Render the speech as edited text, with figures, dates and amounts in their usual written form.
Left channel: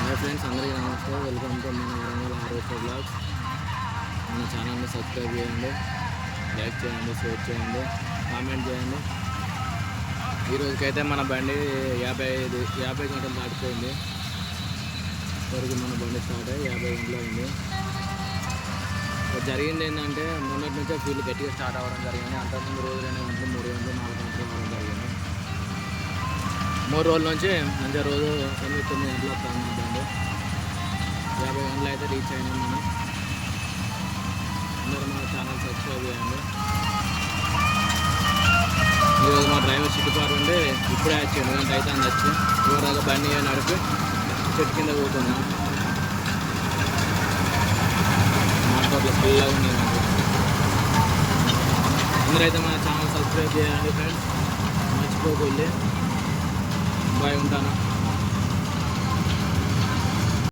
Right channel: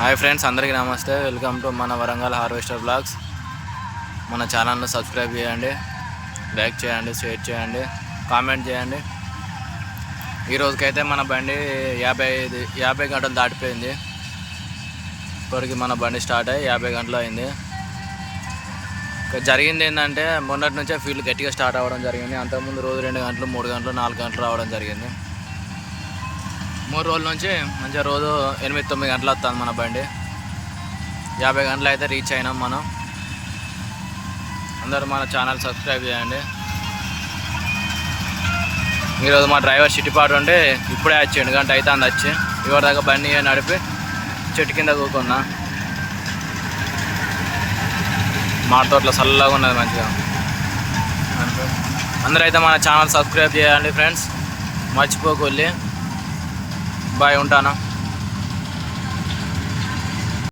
Hi friends, అందరికీ నమస్తే. Welcome to మన వరంగల్ హార్వెస్టర్ బ్లాగ్స్. మన ఛానల్ను సబ్స్క్రైబ్ చేయండి, లైక్ చేయండి, షేర్ చేయండి, కామెంట్ చేయండి. ఈరోజుకైతే మన బండి 50 గంటలు దాటిపోయింది. ఇప్పటికి మన బండి స్టార్ట్ అయ్యి 50 గంటలు అయింది. జరిగింది ఏంటంటే, మొన్నటి నుంచే ఫీల్డ్ గట్టిగా స్టార్ట్ అవ్వడం జరిగింది. అంతకుముందు రోజు 2 గంటలు, 3 గంటలు, 4 గంటలు రావడం జరిగింది. 3 రోజుల నుంచి మంచిగా రోజు 8-9 గంటలు వస్తుంది మన బండి. 50 గంటలు అయితే రీచ్ అయినాం మనం. అందరూ మన ఛానల్ సబ్స్క్రైబ్ చేయండి. ఈరోజు మా డ్రైవర్ చిట్టిపాటు ఉంటే ఇప్పుడే వచ్చి 2 గంట అవుతుంది వచ్చి. ఇవరి దాకా బండి నడిపి చెట్టు కింద కూకున్నా. మా తోటలో చల్లగా ఉన్నది మంచిగా. అందరూ అయితే మన ఛానల్ సబ్స్క్రైబ్ చేయండి ఫ్రెండ్స్, మర్చిపోకూడదు. బాయ్, ఉంటానా.